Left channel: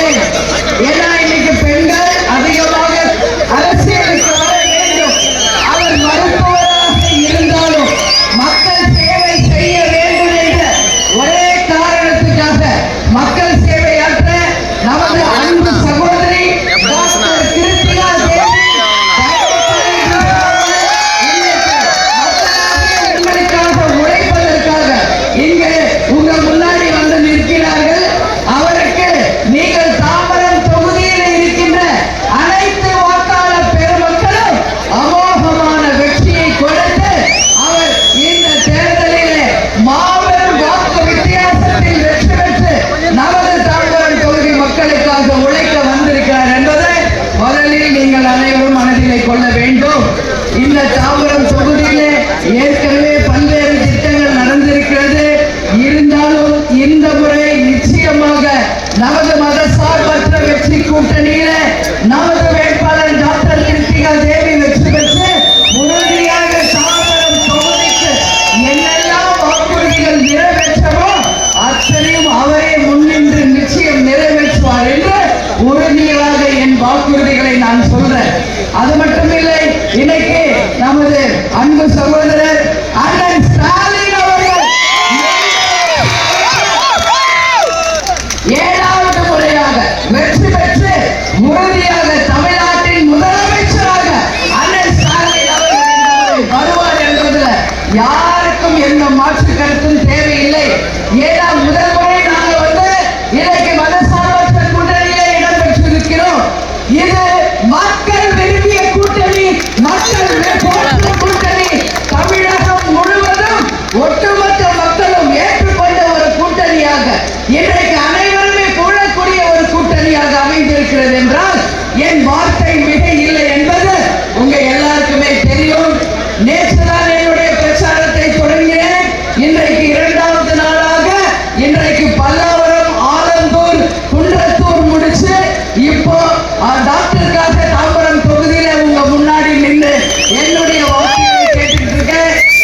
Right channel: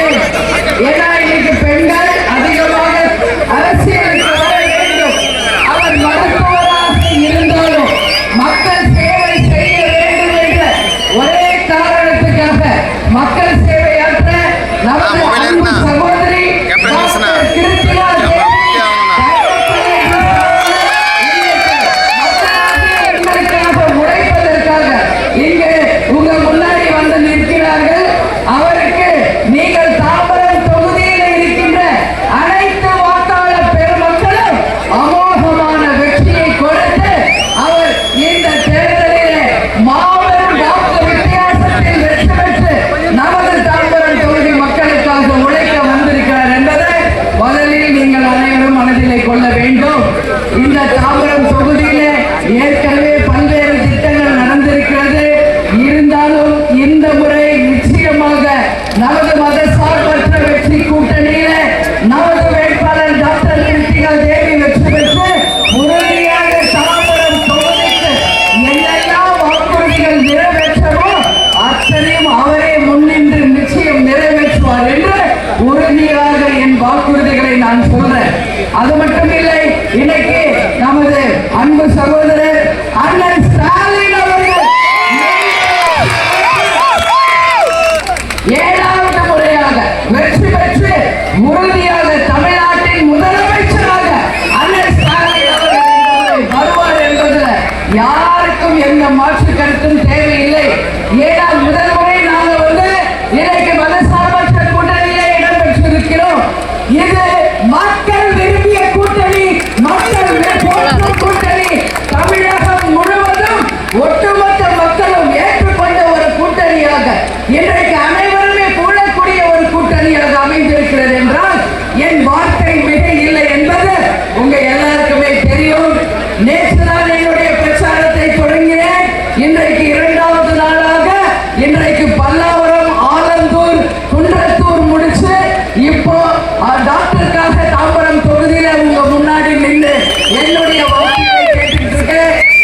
சொல்கிறேன். ஏன்னா இன்னைக்கு பெண்கள் அதிகமாக அரசியலுக்கு வர வேண்டும். அவர் மருத்துவராக இருந்தாலும் மக்கள் சேவை செய்ய வேண்டும் என்ற ஒரே காரணத்துக்காக மக்கள் சேவையாற்ற நமது அன்பு சகோதரி கிருத்திகா உழைப்பதற்காக இங்கு உங்கள் முன்னாடி வந்து நிற்கிறார்கள். அவருக்கு நீங்கள் தாம்பரம் தொகுதியில் இருக்கின்ற அனைத்து வாக்காளர் பெருமக்களும் அமோகமான வெற்றியை கொடுத்து அவர் இந்த தேர்தலிலே மாபெரும் வாக்கு வித்தியாசத்தில் வெற்றி பெற்று நமது தாம்பரம் தொகுதி மக்களுக்காக உழைக்க வந்திருக்கிறார் என்பதை முதலில் நீங்கள் அனைவரும் மனதிலே கொள்ள வேண்டும். இந்த தாம்பரம் தொகுதியிலே ஏற்கனவே பல்வேறு திட்டங்கள் நடந்திருக்கிறது. இருந்தாலும் இந்த முறை நிச்சயமாக நமது மதசார்பற்ற வெற்றி கூட்டணியில நமது வேட்பாளர் டாக்டர் கிருத்திகா தேவி வெற்றி பெற்று உறுதியாக தாம்பரம் தொகுதிக்கு என்னெல்லாம் வாக்குறுதிகள் நிறைவேற்றவோ அத்தனையும் அவரே முன்னின்று நிச்சயம் நிறைவேற்றுவார் என்று உறுதியாக என் வாக்குறுதிகளை நான் சொல்றேன். அது மட்டுமில்லை, இன்னைக்கு நமது அன்பு சகோதரர் அண்ணன் ஸ்டாலின் அவர்கள் 7வது முறையாக வெற்றி பெற்று உறுதியாக தமிழ்நாட்டின் முதலமைச்சராக அண்ணன் ஸ்டாலின் அவர்கள் வருவார் என்பதில் யாருக்கும் எந்த மாற்று கருத்தும் தேவையில்லை. ஏன்னா முதல் முறை நாங்கள் வந்து இன்னைக்கு மதசார்பற்ற கூட்டணியிலே இடம் பெற்றிருக்கிறோம். இது மக்கள் விரும்பிய கூட்டணி, மக்கள் போற்றும் கூட்டணி, தமிழகம் முழுவதும் ஒட்டுமொத்த மக்களும் ஏற்றுக்கொண்ட ஒரு கூட்டணியாக இன்றைக்கு அனைவருமே கூடக்கூடிய ஒரு கூட்டணியாக அமைந்திருக்கிறது என்றால் என் வார்த்தை மிக இல்லை என்பது உங்க எல்லாருக்குமே தெரியும். நேற்றுதான் என்னுடைய பிரச்சாரத்தை தொடங்கினேன். இன்றைக்கு 2வது நாளாக இன்றைக்கு பல்லாவரம், ஆலந்தூர், குன்றத்தூர் முடிச்சு இப்போ டாக்டருக்காக தாம்பரம் தொகுதியில உங்க முன்னாடி நின்று என்னுடைய வாக்குகளை கேட்டுட்டு இருக்க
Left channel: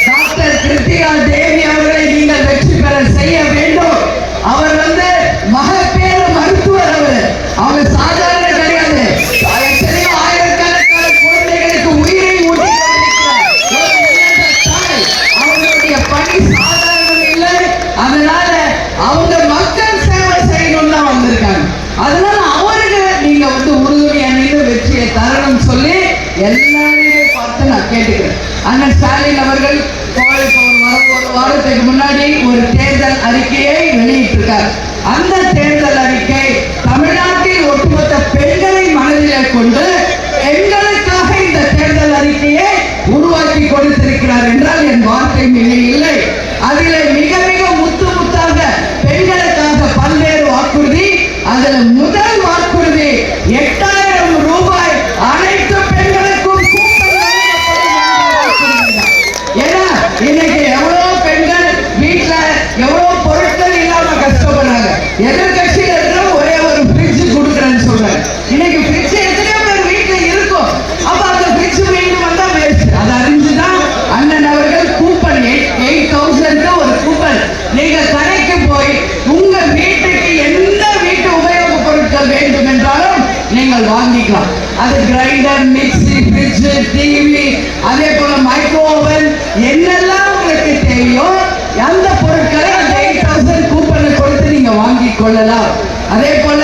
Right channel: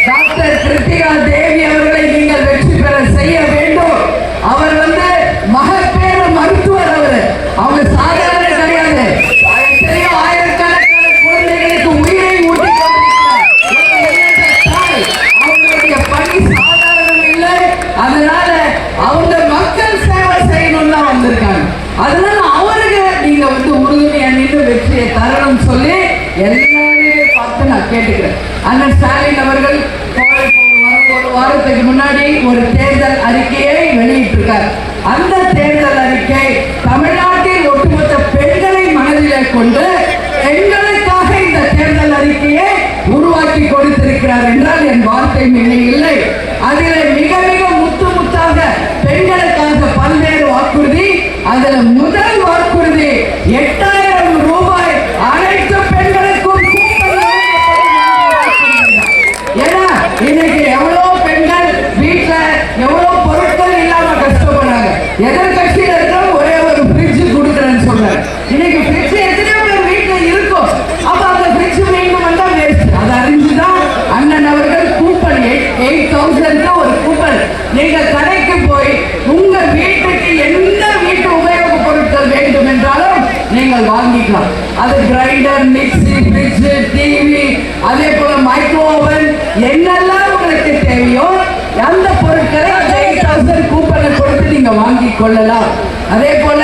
டாக்டர் கிருத்திகா தேவி அவர்களை நீங்கள் வெற்றி பெற செய்ய வேண்டும். அவர் வந்து மகப்பேறு மருத்துவர். அவர் சாதாரண கிடையாது. எத்தனையோ ஆயிரக்கணக்கான குழந்தைகளுக்கு உயிரை ஊட்டி அவங்களுடைய பணி சாதாரணம் இல்லை. அதனால அவங்க மக்கள் சேவை செய்யணும்னு தான் வந்திருக்காங்க. அதனால அவருக்கு நீங்க வந்து உறுதுணையா நின்று வெற்றியை தரணும் சொல்லி எல்லாரையுமே பார்த்து நான் கேட்டுக்கிறேன். அண்ணன் ஸ்டாலின் அவர்கள் ஒரு வாரத்துக்கு முன்னாடி ஒரு தேர்தல் அறிக்கையை வெளியிட்டிருக்கார். அந்த தேர்தல் அறிக்கை தமிழ்நாட்டில் ஒட்டுமொத்த பெண்களை மனதில் கொண்டு பெண்களுக்காக இந்த தேர்தல் அறிக்கையை உருவாக்கி கொடுத்திருக்கிறார் என்றால் என் வார்த்தை மிக இல்லை. அதில் மிக மிக முத்து முத்தாக பெண்களுக்காக பல்வேறு வாக்குறுதி. அதுல முதல் வாக்குறுதி 8000 ரூபாய் அனைத்து பெண்களுக்கும் ஏன்னா இன்னைக்கு எவ்வளவு பெண்கள் வீட்டுல எவ்வளவு பொருட்கள் இல்லாம கஷ்டப்படுறாங்க. எதிர்கட்சியில இருக்கிற ஒரே ஒரு ஃப்ரிட்ஜ் கொடுக்குறேன்னு சொல்றாங்க. இன்னைக்கு ஃப்ரிட்ஜ் எத்தனை பேர் வீட்டுல இருக்கும். அப்ப அந்த ஃப்ரிட்ஜ் மீண்டும் வந்தா வேஸ்ட். அதை அறிஞ்சுதான் அண்ணன் அவர்கள் கூப்பன் 8000 ஒரு கூப்பன் நீங்க கடைக்கு போய் உங்க வீட்டுக்கு எந்த வீட்டு உபயோக பொருட்கள் வேண்டும் என்றாலும் நீங்கள் வாங்கிக்கலாம். அது கிரைண்டர், மிக்சி, ஃப்ரிட்ஜ், டிவி, அதே போல மைக்ரோ ஓவன், என்னெல்லாம் உங்களுக்கு தேவையோ அந்த பொருட்களை அந்த 8000 கூப்பனை கொடுத்து நீங்க வாங்கி கொள்ளலாம். அதே போல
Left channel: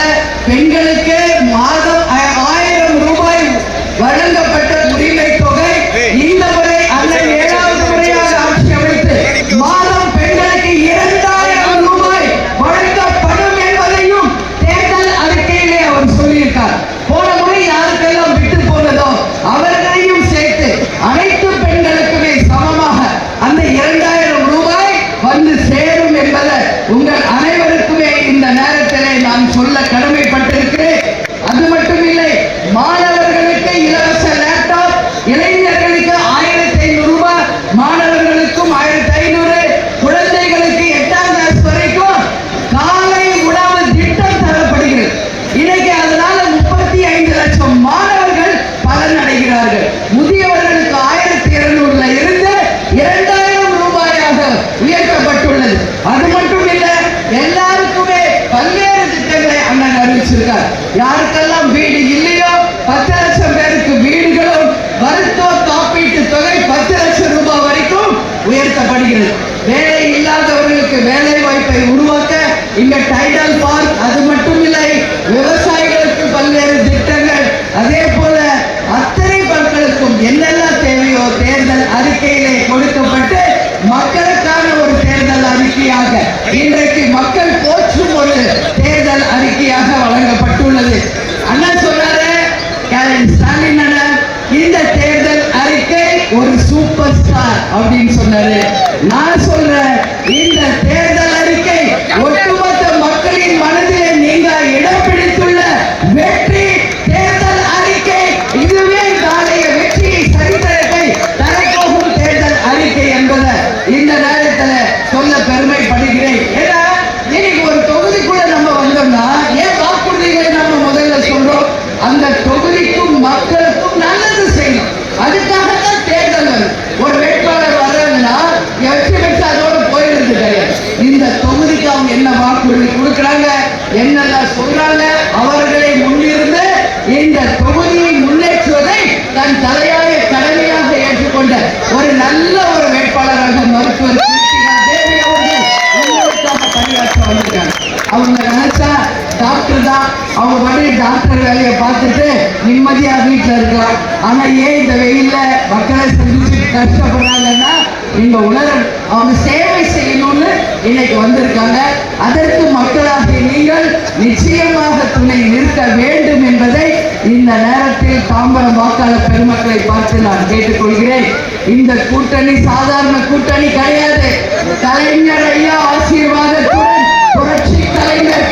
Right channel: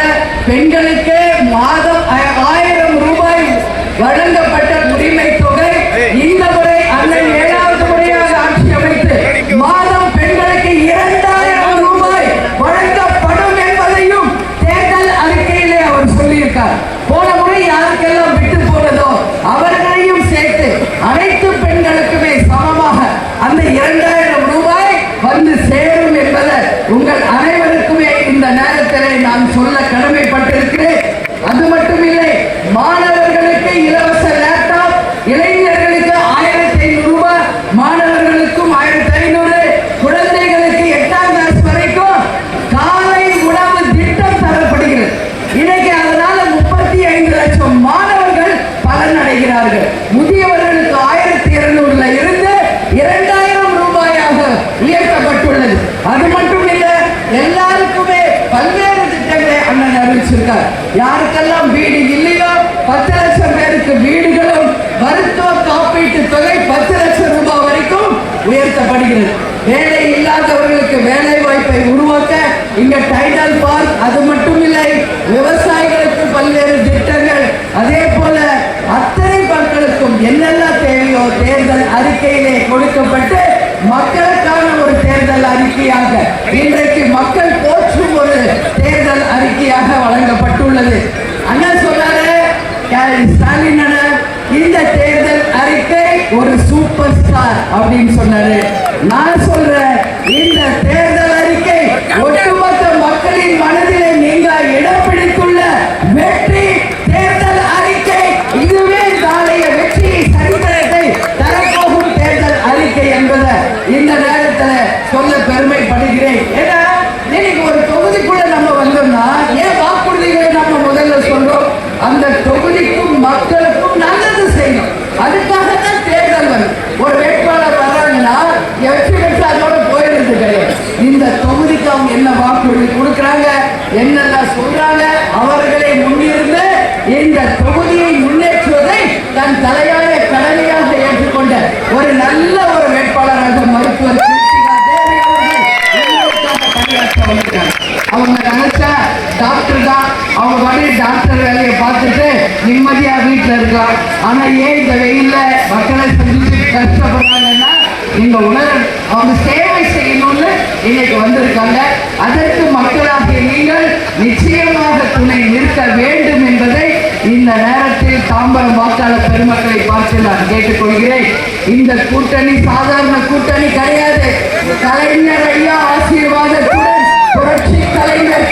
பெண்களுக்கு மாதம் 1000 ரூபாய் வழங்கப்பட்ட உரிமை தொகை இந்த முறை அண்ணன் 7வது முறையாக ஆட்சி அமைத்து மாதம் பெண்களுக்கு 2000 ரூபாய் வழங்கப்படும் என்பதையும் தேர்தல் அறிக்கையிலே அவர் சொல்லியிருக்கார். போன முறை யாருக்கெல்லாம் விட்டு போனதோ அவர்களையும் சேர்த்து அனைத்து பெண்களுக்குமே சமமாக அந்த 2000 ரூபாய் வந்து சேரும் என்பதை உங்கள் அனைவருக்குமே இந்த நேரத்திலே நான் சொல்ல கடமை கொடுக்கப்பட்டு மக்களுக்கான ஒரு தேர்தல் அறிக்கையாக இன்றைக்கு மக்கள் போற்றும் ஒரு தேர்தல் அறிக்கையாக வழங்கப்பட்டுள்ளது. அண்ணன் சொன்னாரு, ஸ்டாலின் அண்ணன், இந்த தேர்தல் அறிக்கை ஒரு சூப்பர் ஸ்டார் அப்படின்னு சொன்னாரு. நான் சொல்றேன், இந்த தேர்தல் அறிக்கை ஒட்டுமொத்த மக்களின் மனதிலே நீங்க இடம் பிடித்துள்ள வெற்றி தேர்தல் அறிக்கை. இதுவே நாளைய வெற்றி சரித்திரத்தை தரப்போகும் தேர்தல் அறிக்கை என்பதை இந்த நேரத்தில் சொல்ல பெருமைப்படுகிறேன். ஏன்னா இன்னைக்கு ஒரு தொகுதிக்குள்ள நம்ம வந்தோம்னா ஏன் வாக்குறுதிகளை நம்ம முதல்ல சொல்றோம்? அந்த தொகுதிக்கும் மக்களுக்கும் நல்லது செய்யணும். அதுக்காகத்தான் தேர்தல் வரும். ஒரு வேட்பாளர் வர்றாங்கன்னா வெற்றி பெற்று அதோட போயிடுறது கிடையாது. இந்த தொகுதிக்கு அவங்க என்ன வாக்குறுதி கொடுக்குறாங்க, என்னெல்லாம் சொல்றாங்க, அவர்களை முன்னிருந்து இந்த தொகுதியை முன்னேற்றுவதை தன் தலையாய கடமையாக ஏற்றுக்கொண்ட ஒரு நல்ல ஒரு வேட்பாளராக மருத்துவர் தேவி அவர்கள் எங்களுக்காக பணியாற்ற வந்திருக்காங்க. அவங்க நினைச்சா டாக்டர் தான், அவங்க வழி டாக்டர் வேலையை பார்த்துட்டு நிம்மதியா வீட்டில் இருக்கலாம். ஆனா ஏன் இந்த வெயில்ல மக்களை சந்திச்சு கஷ்டப்படுறாங்கன்னா இந்த உலகம் அவங்க சேவை செய்யணும்னு இன்னைக்கு வந்திருக்காங்க. அதற்கு மக்களாகிய நீங்கள் நிச்சயமாக துணை நிற்க வேண்டும் என்பதை இந்த நேரத்தில் தாம்பரம் வாக்காளர் பெருமக்களை பார்த்து நான் கேட்டுக்கொள்கிறேன். இந்த கூட்டணி சாதாரண கூட்டணி கிடையாது. கலைஞர் ஐயா ஆசீர்வாதத்துடன் புரட்சி கலைஞர்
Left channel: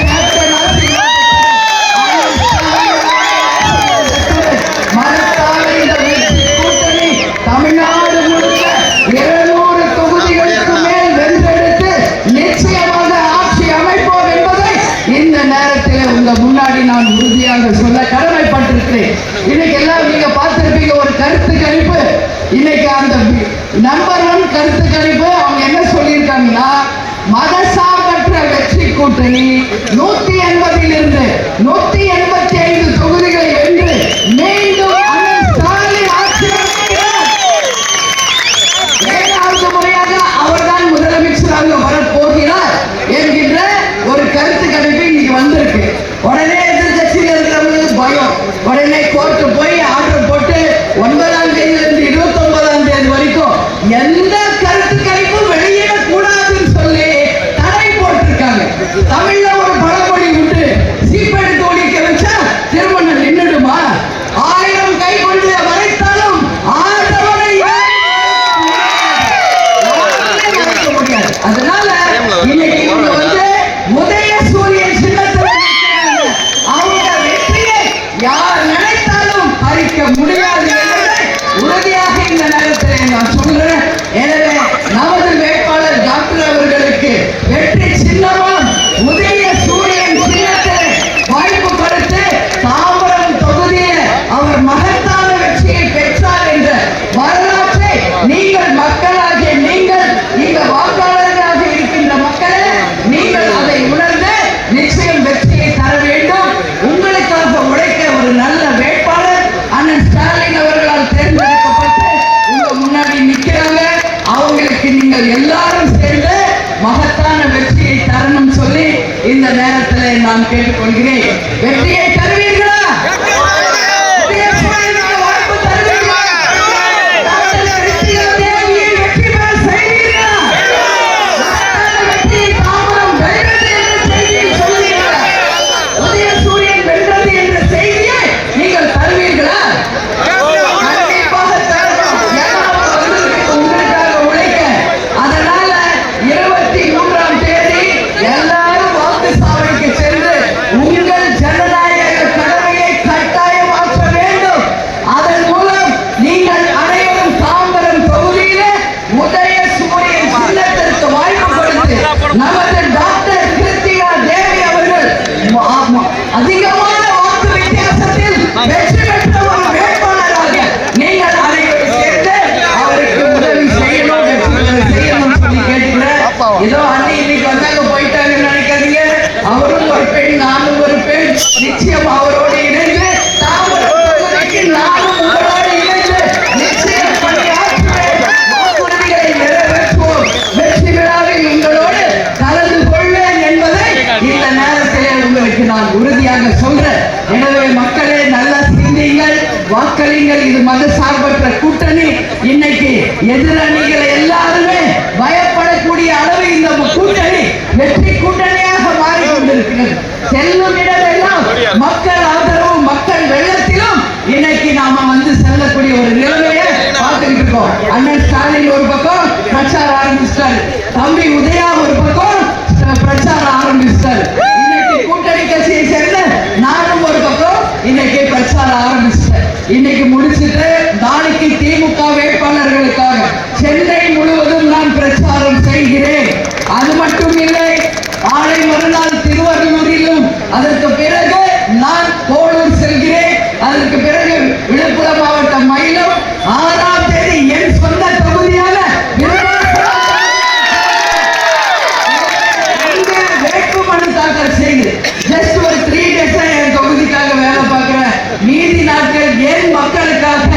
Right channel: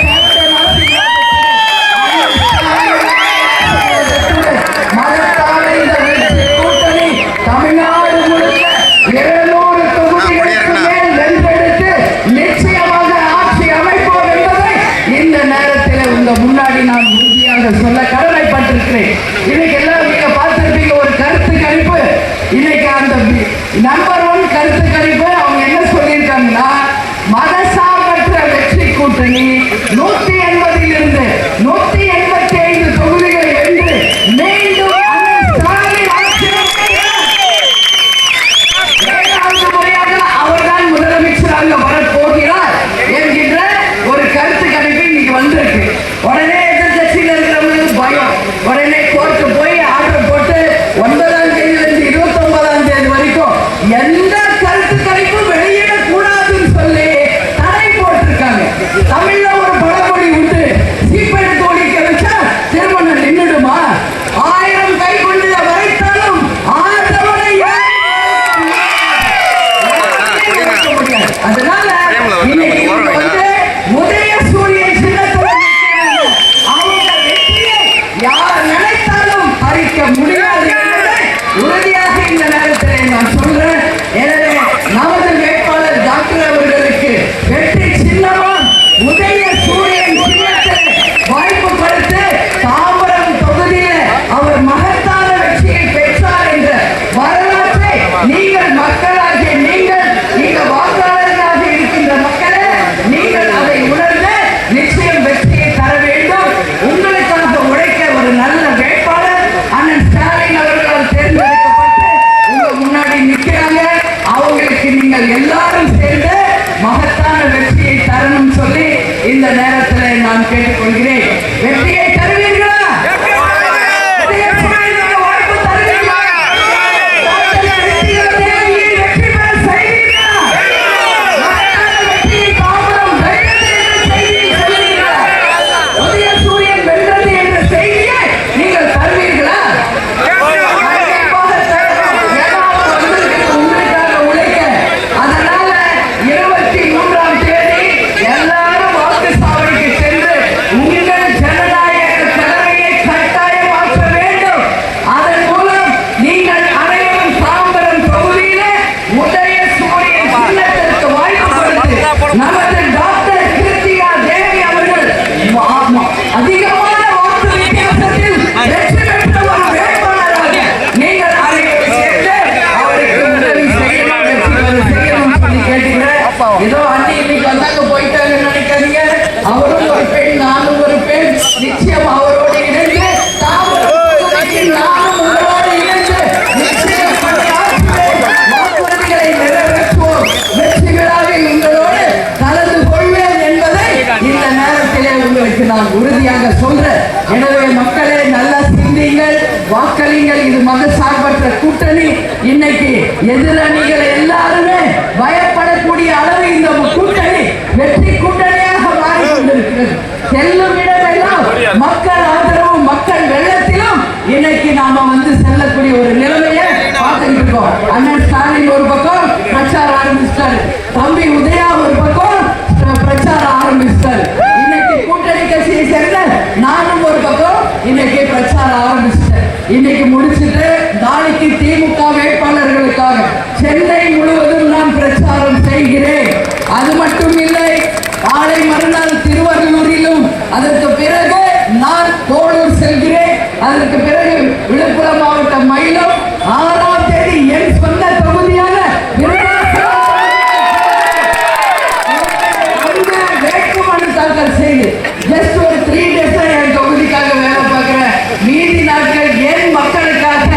மரத்தான இந்த வெற்றி கூட்டணி தமிழ்நாடு முழுக்க 700 தொகுதிகளுக்கு மேல் வென்றெடுத்து நிச்சயமாக ஆட்சி அமைப்போம் என்பதை இந்த நேரத்தில் உங்க முன்னாடி நான் உறுதியாக சொல்ல கடமைப்பட்டிருக்கிறேன். இன்னைக்கு எல்லாம் நீங்க பார்த்திருப்பீங்க ஒரு கருத்து கணிப்பு. இன்னைக்கு அந்த நம்பர் 1 கருத்து கணிப்பு அவங்க என்ன சொல்லியிருக்காங்கன்னா, மதசார்பற்ற வெற்றி கூட்டணி 180 இருந்து 185 தொகுதிகளை வென்று மீண்டும் ஏழாவது முறையாக அவர்தான் முதலமைச்சராக வரப்போகிறார் என்கின்ற ஒரு கருத்து கணிப்பு இன்னைக்கு வந்திருக்கு. உடனே எதிர்கட்சியில் இருக்கிறவங்களுக்கு பயம். உடனே கோர்ட்டு போய் ஆர்டர் போட்டு 9ஆம் தேதியிலிருந்து 29ஆம் தேதி வரைக்கும் எந்த கருத்து கணிப்பும் வெளியிடக்கூடாதுன்னு சொல்லி தடை போட்டிருக்காங்க. தமிழ்ல ஒரு பழமொழி உண்டு, சீப்பெடுத்து ஒழிக்க வச்சா திருமணம் நின்றுடுமா? 1000 கை கொண்டு வரைத்தாலும் ஆதவனை அதனால இன்னைக்கு உதய சூரியன் சின்னத்தில் அவங்க வெற்றியை யார் நினைத்தாலும் பறிக்க முடியாது என்பதை உறுதியாக இந்த நேரத்தில் நான் சொல்றேன். எனவே நமது வேட்பாளர் டாக்டர் அவர்களுக்கு வெற்றி சின்னமும் உதய சூரியன் சின்னத்தில் வாய்ப்பு கொடுத்து தாம்பரம் தொகுதியில் அவர் மகத்தான வெற்றியை பெற்றார் என்ற வரலாற்றை நீங்கள் மக்களாகிய நீங்கள் இந்த வாக்காளர்களாக இருக்கின்ற மக்களை நீங்கள் அதை உணர்ந்து நிச்சயம் வெற்றியை தர வேண்டும். உங்களுக்காக உழைக்க ஒரு நல்ல வேட்பாளர் அண்ணன் ஸ்டாலின் அவர்களால் தேர்ந்தெடுக்கப்பட்டு உங்க முன்னாடி நிற்கிறாங்க. அவங்களுக்கு நீங்கள் எல்லாரும் சேர்ந்து மகத்தான வெற்றியை தரணும் சொல்லி இந்த நேரத்தில் நான் கேட்டுக்கொள்கிறேன். வெற்றியை தருவீர்களா? வாய்ப்பு தருவீர்களா? வெற்றி பெற செய்வீர்களா? மகத்தான வெற்றியை தாம்பரம் வென்றது என்ற செய்தியை சொல்வீர்களா? உதய சூரியன் வென்றது என்ற செய்தியை நீங்கள் தருவீர்களா? கண்டிப்பாக தரணும். ஏதாவது வந்திருக்கு உங்களுக்காக உழைக்க. அதனால 23ஆம் தேதி எல்லாரும் வாக்கு சாவடிக்கு சென்று உங்கள் ஜனநாயக கடமையை கட்டாயமாக்க வேண்டும். அதன் மூலம் நீங்கள் அனைவரும் தாம்பரம் தொகுதியிலே உதய சூரியன் சின்னத்திற்கு வாய்ப்பு கொடுத்து நமது டாக்டர் கிருத்தியா தேவி அவர்கள் அதிகமான வாக்கு வித்தியாசத்தில் வெற்றி பெற்ற ஒரு வேட்பாளராக நீங்கள் அனைவரும் சேர்ந்து அவருக்கு உதவி செய்யணும், வெற்றி செய்யணும் சொல்லி கேட்டுக்கிறேன். இதோ அண்ணி இன்னைக்கு வந்தாங்க போயிட்டாங்கன்னு நினைக்காதீங்க. அவரும் ஒரு பெண், நானும் ஒரு பெண். நிச்சயம் அவரோடு இணைந்து தாம்பரம் தொகுதிக்கு நானும் உங்களோடு இணைந்து நிச்சயம் வாக்குறுதிகளை நிறைவேற்றுவோம். வெற்றி விழாவில் உங்களோடு கலந்து கொள்வேன் என்பதை இந்த நேரத்திலே உங்களுக்கு நான் உறுதியாக சொல்றேன். எனவே மக்களே நல்லா சிந்தியுங்கள், வாக்களிங்கள். இது மத சார்பற்ற கூட்டணி. இன்னைக்கு எதிரணிகளை செல்லும் இடமெல்லாம் மக்கள் ஆதரவு, மக்கள் வெள்ளத்திலும் இன்னைக்கு நாம வந்து செல்லக்கூடிய ஒரு நிலைமையை பார்த்துட்டு இருக்கோம். அண்ணன் ஸ்டாலின் ஒரு பக்கம் பிரச்சாரம் ஆரம்பிச்சிட்டாரு, தம்பி உதயா ஒரு பக்கம் பிரச்சாரம் ஆரம்பிச்சிட்டாரு. இன்னைக்கு கூட்டணி கட்சியை சேர்ந்த நானும் ஒரு பக்கம் இன்னைக்கு பிரச்சாரம் ஆரம்பிச்சிட்டேன். இன்னைக்கு முடிச்சுட்டு நாளைக்கு திமுக வேட்பாளர்களுக்காக சென்னை முழுவதும் நான் பிரச்சாரம் செய்கிறேன். அது மட்டும் இல்லை, நாளை மறுநாள் திருவள்ளூரிலும், அதற்கு பிறகு நான் கோளூர் செல்கிறேன். அதற்கு பிறகு விழுப்புரம் மாவட்டம் மயிலம், 6ஆம் தேதி என் சொந்த தொகுதியான வேட்புமனு தாக்கல் செய்து ஜஸ்ட் ஒரு 3 days என் தொகுதிக்காக வேலை பார்க்கிறேன். மீதி நாட்கள் என் மக்களுக்காக,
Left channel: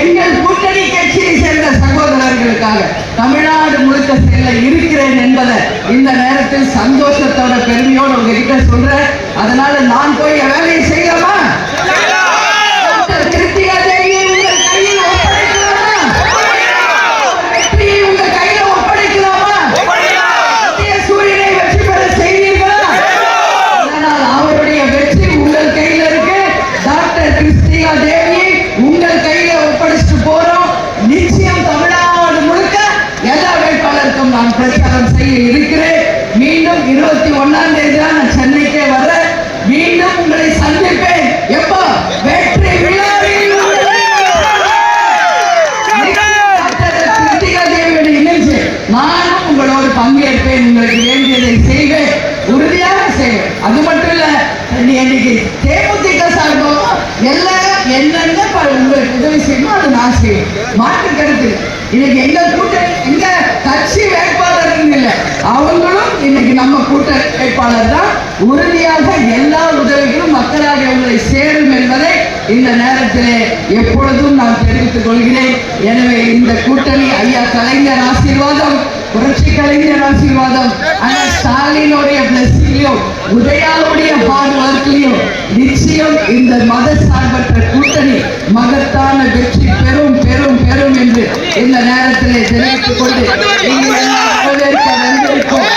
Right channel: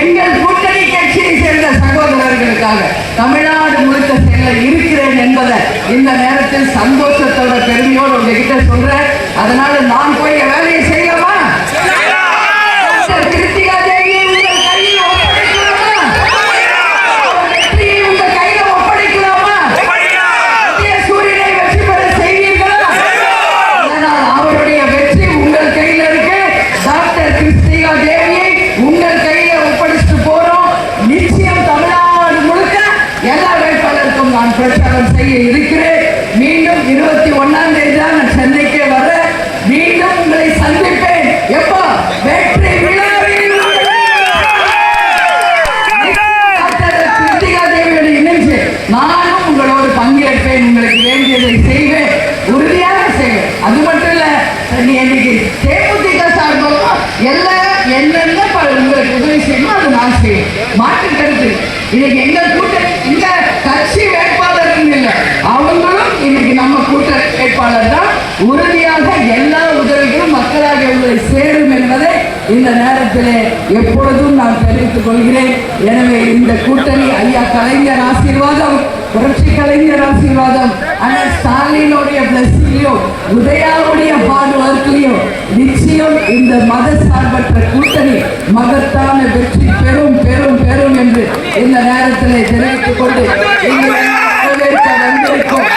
எங்கள் கூட்டணி கட்சியை சேர்ந்த சகோதரர்களுக்காக தமிழ்நாடு முழுக்க செல்ல இருக்கிறேன் என்பதை இந்த நேரத்தில் சந்தோஷத்தோட பெருமையோடு உங்ககிட்ட சொல்றேன். அதனால நான் போய் வேலையை செய்யலாமா? கிருத்திகா தேவியை உங்கள் கையில் ஒப்படைக்கலாமா? வெற்றியை உங்கள் கையில் ஒப்படைக்கலாமா? சூரியனை வெற்றி பெற செய்வீர்களா? அதனால் அவருடைய வெற்றி உங்கள் கையில் இருக்கு. டாக்டர் கிருத்திகா தேவியை உங்கள் கையில ஒப்படைச்சு போறோம். நிச்சயம் தமிழ்நாடு முழுக்க எல்லா வேட்பாளருக்கும் நான் பிரச்சாரம் செய்ய இருக்கிறேன். மீண்டும் 21ஆம் தேதி தான் நான் சென்னைக்கே வர மீண்டும் உங்களை சந்திப்பேன். எப்போ? வெற்றி விழாவில் கிருத்திகா தேவியோட இணைஞ்சு நானும் உங்களோடு பங்கேற்பேன். உங்களுக்கு வேண்டியதை செய்வேன், உறுதியாக செய்வேன். அது மட்டும் இல்ல, இன்னைக்கு தேமுதிக சார்பாக எல்லாம் என்னென்ன உங்களுக்கு உதவி செய்யணும் அது நான் செய்வேன். மாற்று கருத்து இன்னைக்கு எங்க கூட்டணி, எங்க கட்சி வேட்பாளர் இல்லை, அவங்களும் இன்னைக்கு நம்ம கூட்டணி வேட்பாளர் தான். உறுதியாக எல்லா உதவிகளும் மக்களாக உங்களை சேரும் என்பதை இந்த நேரத்திலே எப்பொழுதும் நான் தெரிவித்துக் கொள்கிறேன். எனவே இந்த கூட்டணி ஐயா கலைஞர் ஆசீர்வாதம், புரட்சி கலைஞர் ஆசீர்வாதம், அண்ணன் ஸ்டாலினுடைய பிளஸிங்லையும் உதயாவுடைய ஹார்ட் ஒர்க்லையும் நிச்சயம் இந்த மத சார்பற்ற கூட்டணி மகத்தான வெற்றி பெறும் பெறும் பெறும் என்று இந்த நேரத்திலே தெரிவித்துக் கொண்டு வரவேற்க வந்திருக்கும்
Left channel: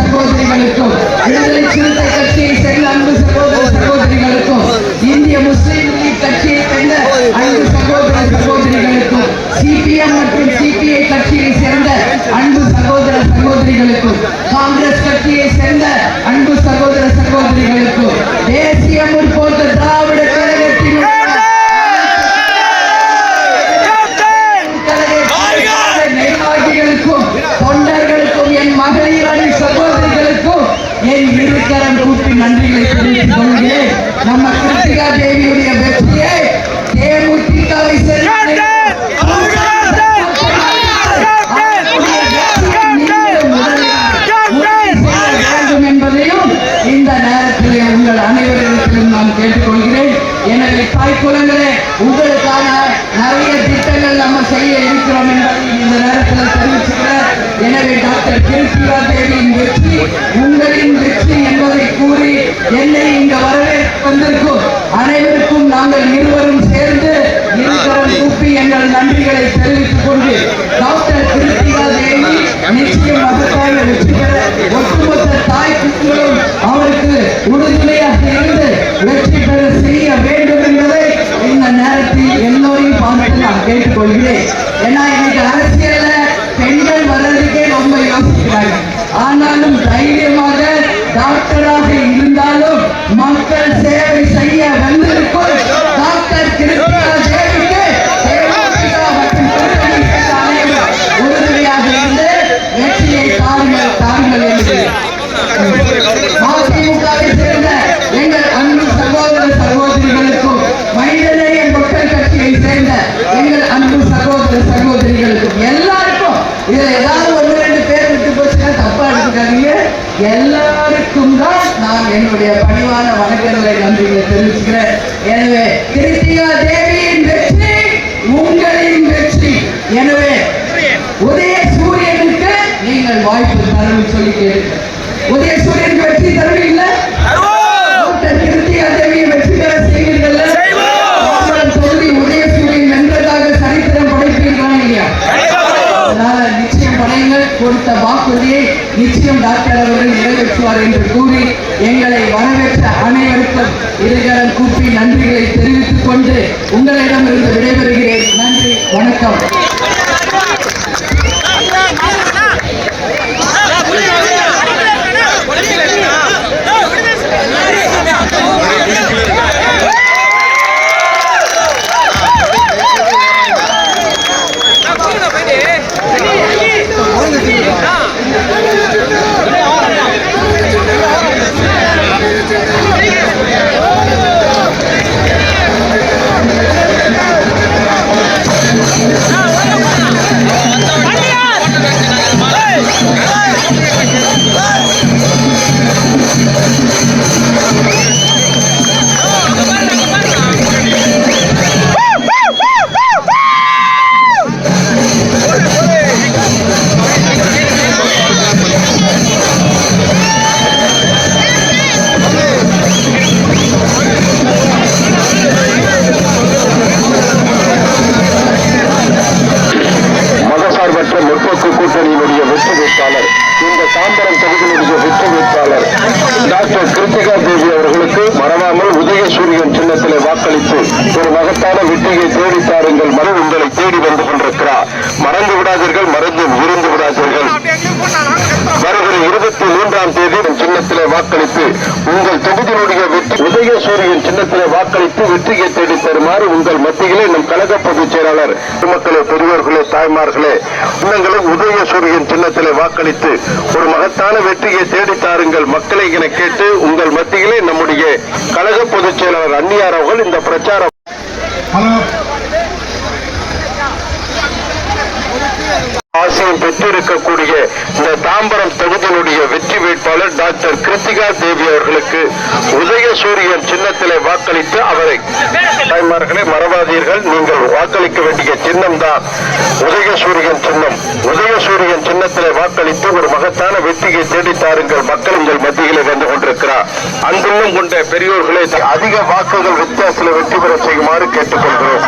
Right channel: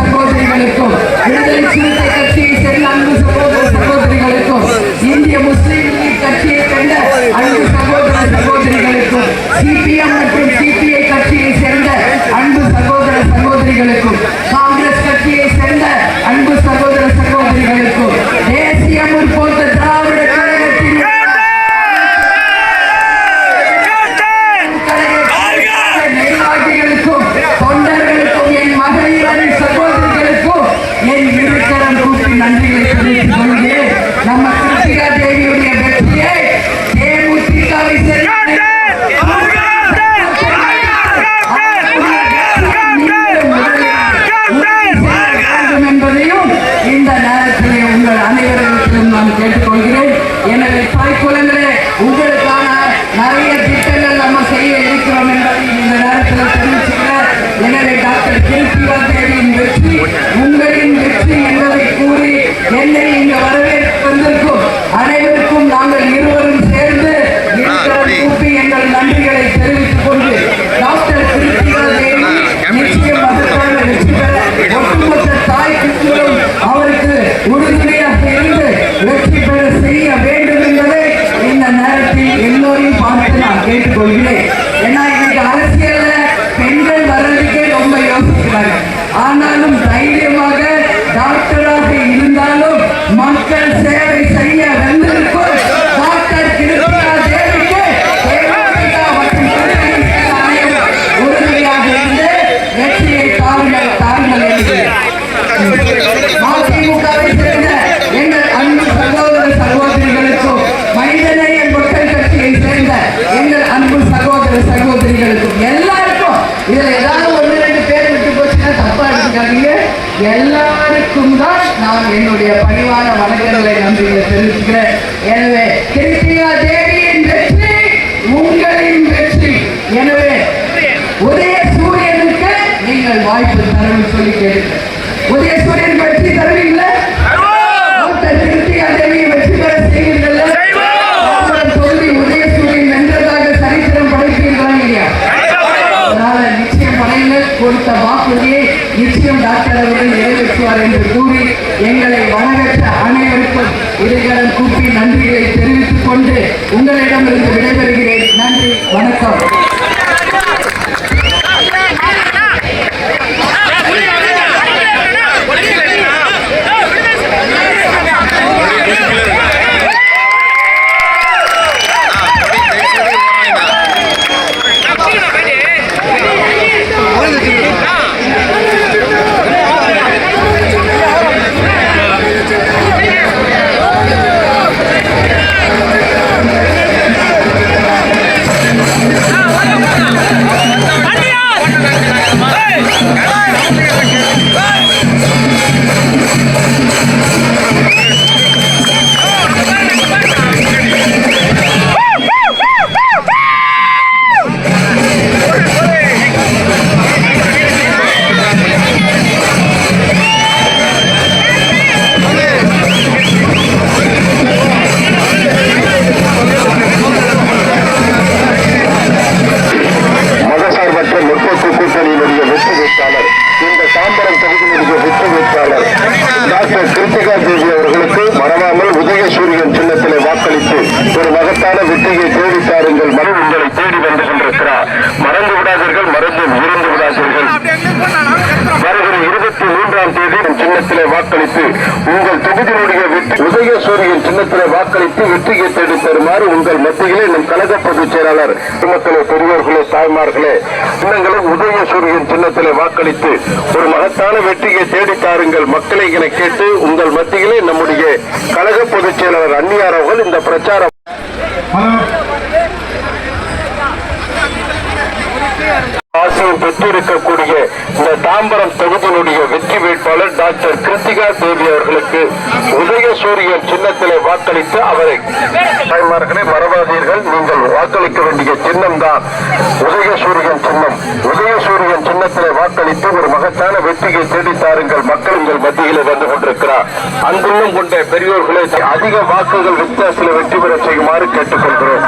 சகோதரிகளுக்கும், விடுதலை சிறுத்தை கட்சியை சேர்ந்த அன்பு சகோதர சகோதரிகளுக்கும், இந்திய முஸ்லீம் லீக் கட்சியை சேர்ந்த அன்பு சகோதர சகோதரிகளுக்கும், சிபிஎம் மற்றும் சிபிஐ கட்சியை சேர்ந்த அன்பு சகோதர சகோதரிகளுக்கும், காங்கிரஸ் கட்சியை சேர்ந்த அன்பு சகோதர சகோதரிகளுக்கும், தேசிய முற்போக்கு திராவிட கழகத்தின் நிர்வாகிகளுக்கும், தொண்டர்களுக்கும், என் மகளிர் அணி சகோதரிகளுக்கும் என் இருக்கரம் கூப்பி நன்றிகளை தெரிவித்துக் கொள்கிறேன். நம்ம கிருத்திகா தேவியுடைய வெற்றியை தேமுதிகவை சேர்ந்த என்பதையும் இந்த நேரத்தில் உங்கள் அனைவரிடத்திலும் நான் கேட்டுக்கொள்கிறேன். எனவே தாய்க்குழந்தைகளே, உங்களுக்கான நிறைய திட்டங்கள் நம்ம செய்ய இருக்கிறோம் என்பதை இந்த நேரத்தில் தெரிவிச்சுக்கிறேன். எனவே டாக்டர் கிருத்திகா தேவியின் வெற்றி உங்களின் வெற்றி என்பதை கூறி என்னை இங்கு வரவேற்க வந்திருக்கும் அனைவருக்கும் நாங்கள் இருவரும் சேர்ந்து இருக்கிறோம் கூப்பி எங்கள் நன்றிகளை தெரிவித்துக் கொண்டு டாக்டர் கிருத்திகா தேவி நிச்சயம் அதற்கான வெற்றி பெற ஒட்டுமொத்த தாய்க்குங்களும் அவருக்கு உறுதுணையாக இருந்து வெற்றி பெற செய்ய வேண்டும் என்பதை இந்த நேரத்தில் எல்லோரையும் பார்த்து நான் கேட்டுக்கொள்கிறேன். ஏன்னா இன்னைக்கு அரசியல்ல பெண்கள் வர்றதுக்கே ரொம்ப யோசிக்கிறாங்க. ஆனாலும் தைரியமாக டாக்டராக இருந்தாலும் மக்கள் சேவை செய்ய வந்திருக்கும் டாக்டர் கிருத்திகா தேவிக்கு மற்றும் உறுதுணையாக இருந்து வெற்றியை தாருங்கள் தாருங்கள் என்று அதிமுகவை சேர்ந்த எங்கள் அன்பு சகோதர சகோதரிகளுக்கும், மனிதநேய மக்கள் கட்சியை சேர்ந்த எங்கள் அன்பு சகோதர சகோதரிகளுக்கும் எல்லாருக்கும், இதுல ஏதாவது 1-2 பேர் விட்டு போச்சுன்னா தப்பா எடுத்துக்காதீங்க, எல்லாருக்கும் தான் நான் என்னுடைய பணிவான வணக்கங்களை நன்றிகளை தெரிவிச்சுக்கிறேன். எனவே கிருத்திகா தேவியின் வெற்றி உங்களின் வெற்றி. எனவே உதய சூரியனுக்கு நீங்கள் வாய்ப்பு தரவு சொல்லி கேட்கிறேன். உதய சூரியனுக்கு வெற்றி தருவீங்களா? கிருத்திகா தேவியை வெற்றி பெற செய்வீர்கள். சொல்லி உதய சூரியன் வென்றதாக சரித்திரம் படைப்பீர்களா இல்லையா? அதனால நிச்சயம் படையுங்கள். கொடுத்த வாக்குறுதியை நிச்சயம் டாக்டர் அவர்கள் நிறைவேற்றுவார் என்று கூறி எங்களை வரவேற்ற அனைவருக்கும் இருகரம் கூப்பி நன்றிகளை தெரிவித்துக் கொண்டு உங்களிடமிருந்து விடைபெறுகிறேன். நன்றி, வணக்கம். கூட்டணியினுடைய வெற்றி வேட்பாளர், இந்த தாம்பரம் தொகுதியினுடைய வெற்றி வேட்பாளர் டாக்டர் கிருத்திகா தேவி அவர்களுக்கு மறவாமல் உதயசூரியன் சின்னத்திலே வாக்களித்து ஒரு மகத்தான வெற்றியை தேடித்தாருங்கள். மறு உங்களை தேடி வந்து கொண்டிருக்கிறார். மறந்து விடாதீர்கள், மறந்து இருந்து விடாதீர்கள். வருகிற 23ஆம் தேதி சின்னத்திலே வாக்களித்து உங்கள் தொகுதியினுடைய வெற்றி உதயசூரியன் சின்னத்திலே வாக்களித்து வெற்றியை தேடி தருமாறு உங்கள் மத்தியிலே நம் கழக பொதுச் செயலாளர் மக்களே, பெரியோர்களே, தாய்மார்களே, இன்னங்களும் உதயசூரியன் சின்னத்திலே வாக்களித்து ஒரு மகத்தான வெற்றியை தேடித்தாருங்கள் மக்களை என கேட்டு உங்கள் மத்தியிலே நம்முடைய கழக பொதுச் செயலாளர் அன்னியார் அவர்கள் இந்த பிரச்சாரம் ஆசையும் பெற்றிருக்கக்கூடிய இந்த தாம்பரம் தொகுதியினுடைய வெற்றி வேட்பாளர் டாக்டர் கிருத்திகா தேவி அவர்களுக்கு உதயசூரியன் சின்னத்திலே வாக்களித்து அவரை தாய்மார்களே மறவாதீர்கள், நீங்கள் வாக்களிக்க வேண்டிய சின்னம் தான் உதயசூரியன் சின்னம். உதயசூரியன் சின்னத்திலே வாக்களித்து ஒரு மகத்தான வெற்றியை தேடித்தாருங்கள் மக்கள் உங்கள் மத்தியிலே வந்து கொண்டிருக்கிறார். அன்புள்ளம் கொண்ட பெரியோர்களை அதிக வாக்குகள் வித்தியாசத்தில் வெற்றி பெற செய்யுமாறு கேட்டுக்கொள்கிறேன்.